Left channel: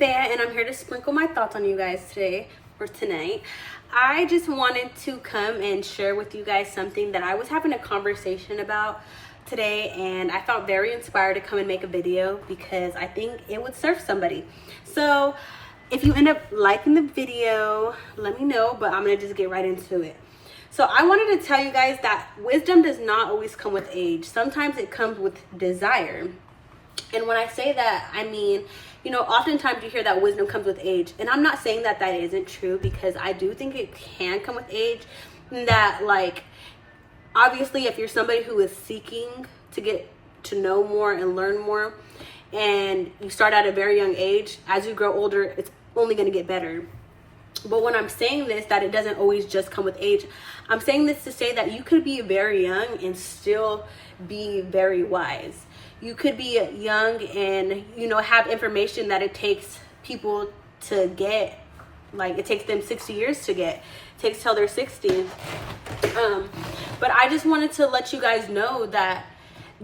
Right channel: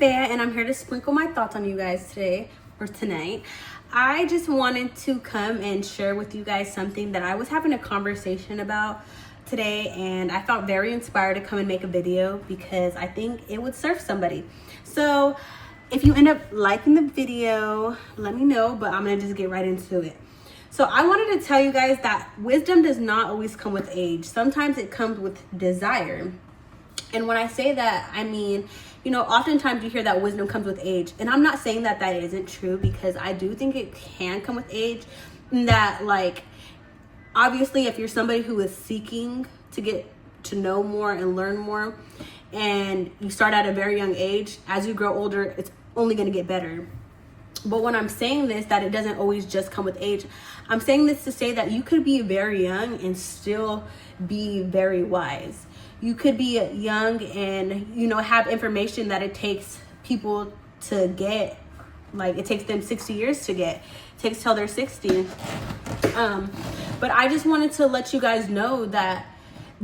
Nevaeh, and I'm here to sprinkle my thoughts on you guys today or tonight. I just wanted to come and share with you guys something that I was having a conversation about today, and I felt very inspired to come and make a video because I think it would serve somebody. So if you end up liking the video, let me know, but I'm gonna just get right into it. So I wanted to tell you guys that wisdom does not always come with age. Sometimes it comes with desire. And when I say that, I mean, oftentimes you hear that wisdom comes with age. And I'm not saying that that isn't true, because I do think it can come with age. And that, obviously, if you're somebody who is seeking to get to know more and learn more, and you start at a very young age, as you grow older, it's only going to get better. But when I'm saying this, that it doesn't always just come with age, I'm saying this to say that you could be very young and still be very wise. You could be young and, have information that it takes people to get, it takes them 60 years to get. It takes till they're 60. But I just wanted to let you guys know that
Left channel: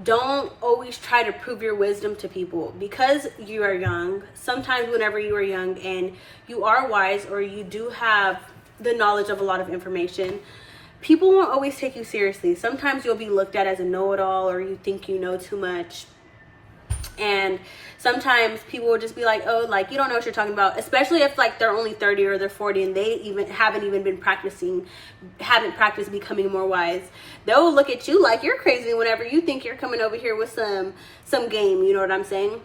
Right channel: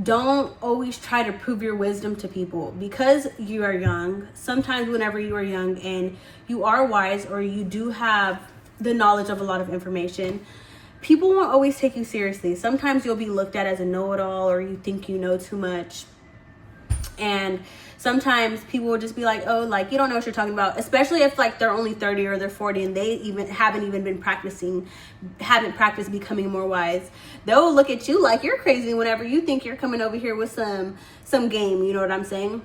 don't always try to prove your wisdom to people because you are young. Sometimes whenever you are young and you are wise, or you do have the knowledge of a lot of information, people won't always take you seriously. Sometimes you'll be looked at as a know-it-all, or you think you know too much. And sometimes people will just be like, oh, you don't know what you're talking about, especially if they're only 30 or they're 40 and they haven't practiced becoming more wise. They'll look at you like you're crazy whenever you think you're coming over here with some game, you know what I'm saying?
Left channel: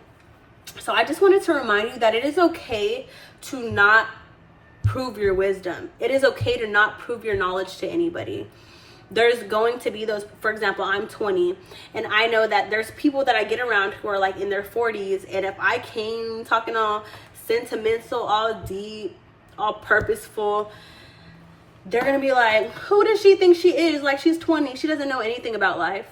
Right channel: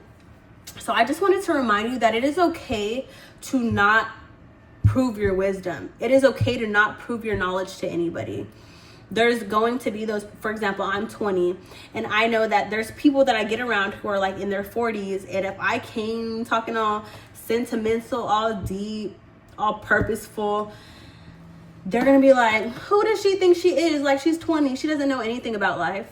So I just wanted to remind you that it is okay to not prove your wisdom. It is okay to not prove your knowledge to anybody. There's going to be those, for example, I'm 20, and I know that there's people that I get around who are in their 40s, and if I came talking all sentimental, all deep, all purposeful, they're gonna be like, who does she think she is? She's 20, she doesn't know anything about life.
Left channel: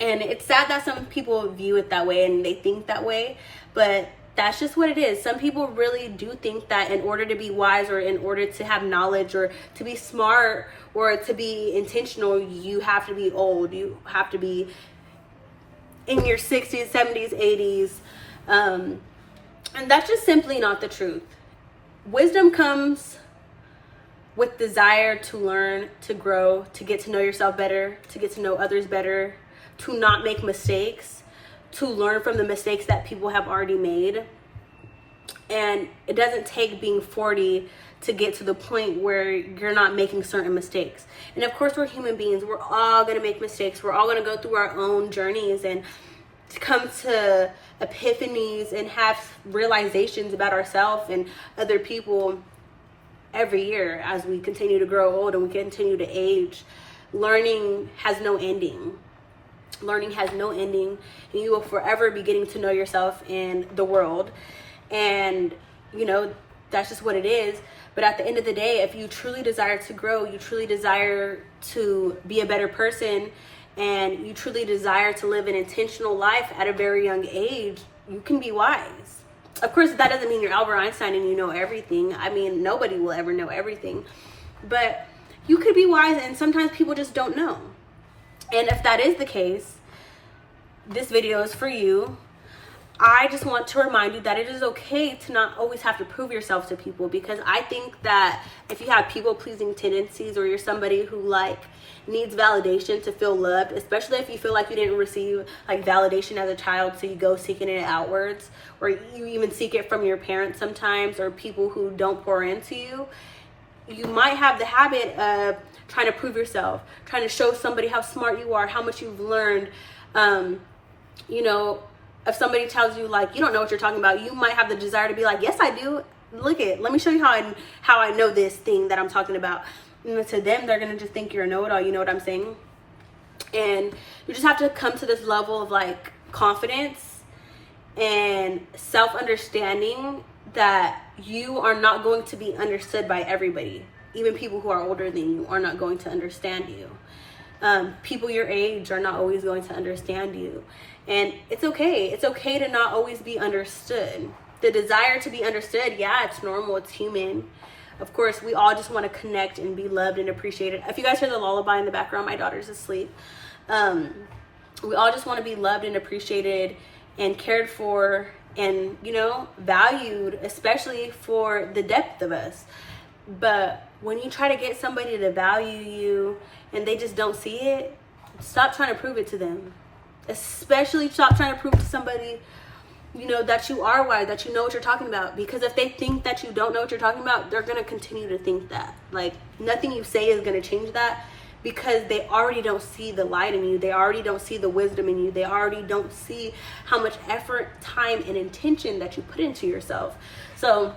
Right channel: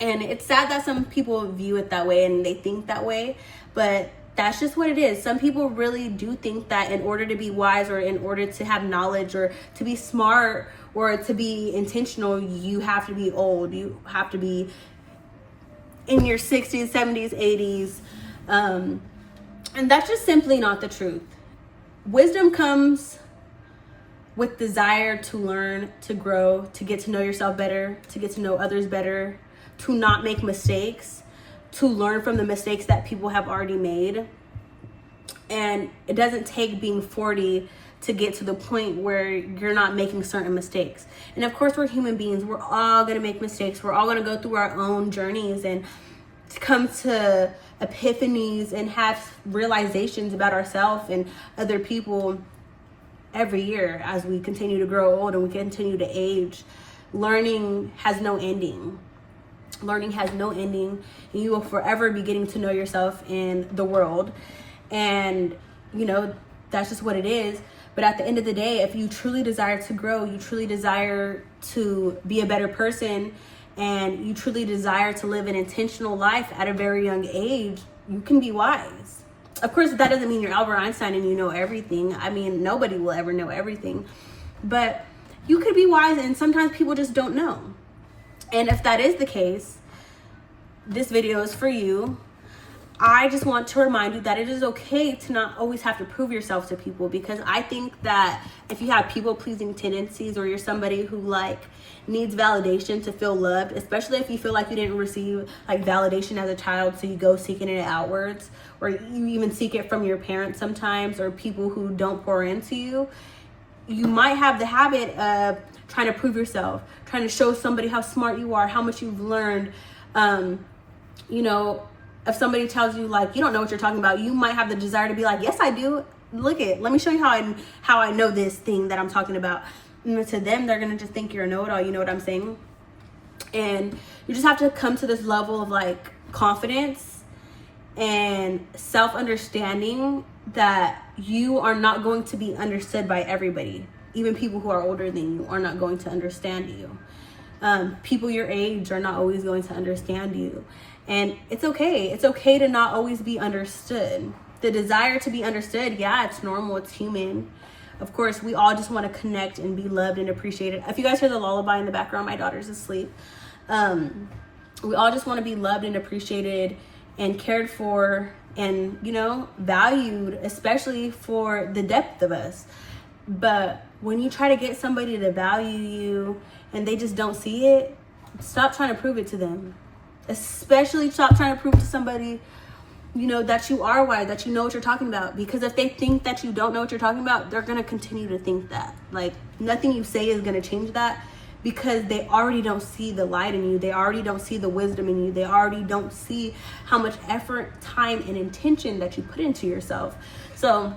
And it's sad that some people view it that way and they think that way, but that's just what it is. Some people really do think that in order to be wise, or in order to have knowledge, or to be smart, or to be intentional, you have to be old. You have to be in your 60s, 70s, 80s. And that's just simply not the truth. Wisdom comes with desire to learn, to grow, to get to know yourself better, to get to know others better, to not make mistakes, to learn from the mistakes that people have already made. And it doesn't take being 40 to get to the point where you're not making certain mistakes. And of course, we're human beings. We're all gonna make mistakes. We're all gonna go through our own journeys and come to epiphanies and have realizations about ourselves and other people every year as we continue to grow old and we continue to age. Learning has no ending. Learning has no ending, and you will forever be getting to know yourself in the world. And that's just what it is. But at the end of the day, if you truly desire to grow, you truly desire to be a better person, and you truly desire to live an intentional life at a very young age, you can be wise. Of course, that doesn't mean you're Albert Einstein and you know everything. I mean, nobody will ever know everything. But you could be wise, and sometimes people just don't know. And if that is the case, this video is for you. I just want to remind you that it is okay to not always have to prove yourself to people, because I think that if you have people-pleasing tendencies, or you're somebody who needs validation to feel loved, especially if you feel like you didn't receive validation as a child, so you go seeking it outwards, or you even seek it from your parents sometimes, or people who don't pour into you, you might have the habit of trying to prove yourself, trying to show somebody how smart you are, how much you've learned. If somebody tells you you don't know what you're talking about, you might have the desire to be like, yes, I do. Let me show you how I know this thing that I'm talking about. And to them, they're gonna just think you're a know-it-all. You know what I'm saying? And you just have to come to this level of confidence and self-understanding that you are not going to be understood by everybody. Even people who are older than you are not going to understand you. People your age are not always going to understand you. And it's okay. It's okay to not always be understood. The desire to be understood, yeah, it's normal. It's human. Of course, we all just want to connect and be loved and appreciated. If you guys hear the lullaby in the background, my daughter's asleep. We all just want to be loved and appreciated and cared for and, you know, valued, especially for the depth of us. But when you try to get somebody to value you and they just don't see it, stop trying to prove it to them. Especially stop trying to prove to somebody, you know, that you are wise, that you know what you're talking about. Because if they think that you don't know what you're talking about, they're going to continue to think that. Like, nothing you say is going to change that, because they already don't see the light in you. They already don't see the wisdom in you. They already don't see how much effort, time, and intention that you put into yourself. So,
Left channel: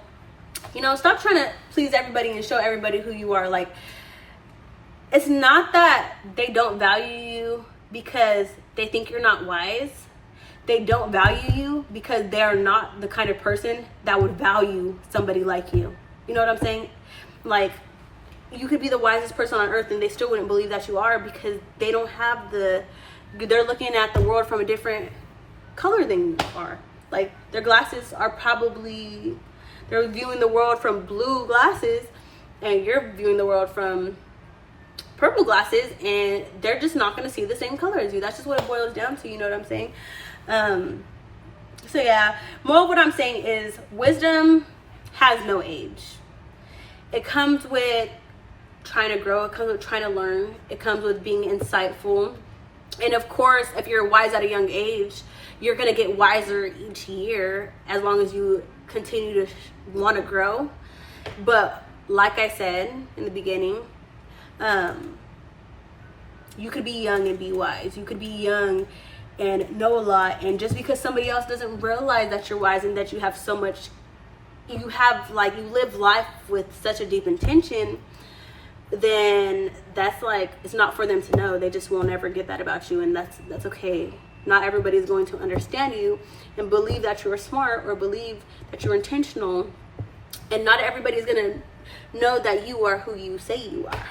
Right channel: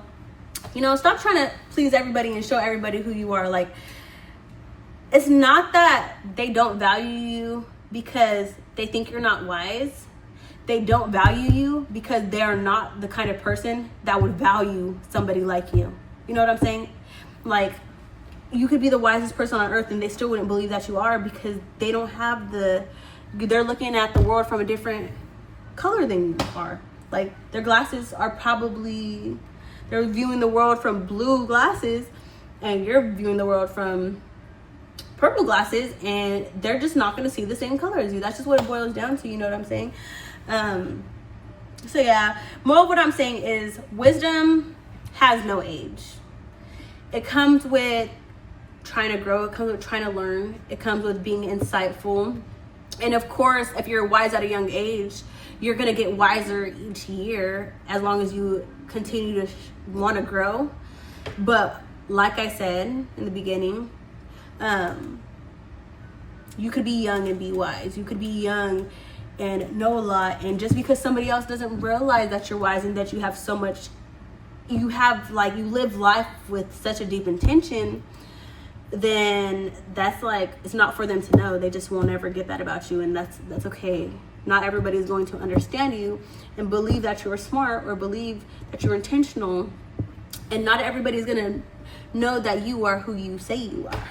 you know, stop trying to please everybody and show everybody who you are. Like, it's not that they don't value you because they think you're not wise. They don't value you because they're not the kind of person that would value somebody like you. You know what I'm saying? Like, you could be the wisest person on earth and they still wouldn't believe that you are, because they don't have they're looking at the world from a different color than you are. Like, their glasses are probably, they're viewing the world from blue glasses and you're viewing the world from purple glasses, and they're just not going to see the same color as you. That's just what it boils down to. You know what I'm saying? So yeah, more of what I'm saying is wisdom has no age. It comes with trying to grow. It comes with trying to learn. It comes with being insightful. And of course, if you're wise at a young age, you're going to get wiser each year as long as you continue to want to grow. But like I said in the beginning, you could be young and be wise. You could be young and know a lot, and just because somebody else doesn't realize that you're wise and that you have so much, you live life with such a deep intention, then that's like, it's not for them to know. They just won't ever get that about you, and that's okay. Not everybody is going to understand you and believe that you're smart or believe that you're intentional, and not everybody is gonna know that you are who you say you are.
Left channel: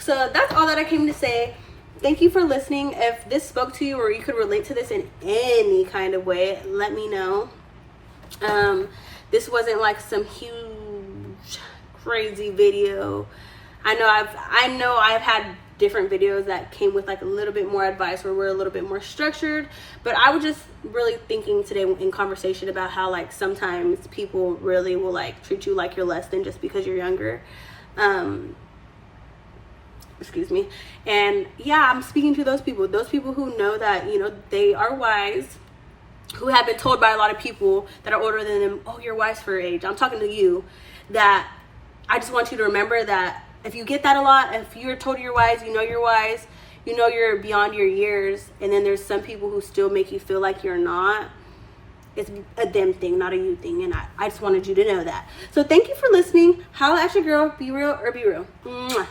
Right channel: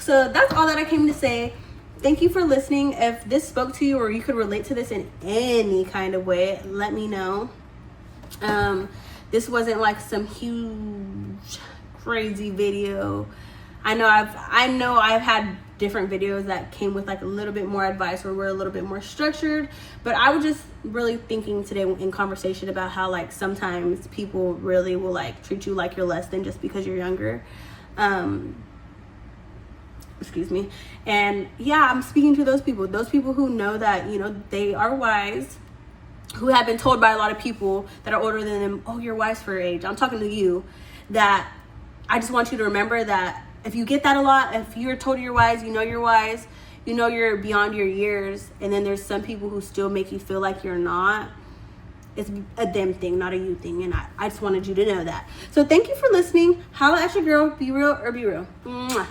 So that's all that I came to say. Thank you for listening. If this spoke to you or you could relate to this in any kind of way, let me know. This wasn't like some huge crazy video. I know I've had different videos that came with like a little bit more advice, or we're a little bit more structured, but I was just really thinking today in conversation about how like sometimes people really will like treat you like you're less than just because you're younger. Excuse me. And yeah, I'm speaking to those people who know that, you know, they are wise, who have been told by a lot of people that are older than them, oh, you're wise for your age. I'm talking to you. That I just want you to remember that if you get that a lot, if you're told you're wise, you know you're beyond your years, and then there's some people who still make you feel like you're not, it's a them thing, not a you thing. And I just wanted you to know that. So thank you for listening. Holla at your girl. Be real or be real. Mwah.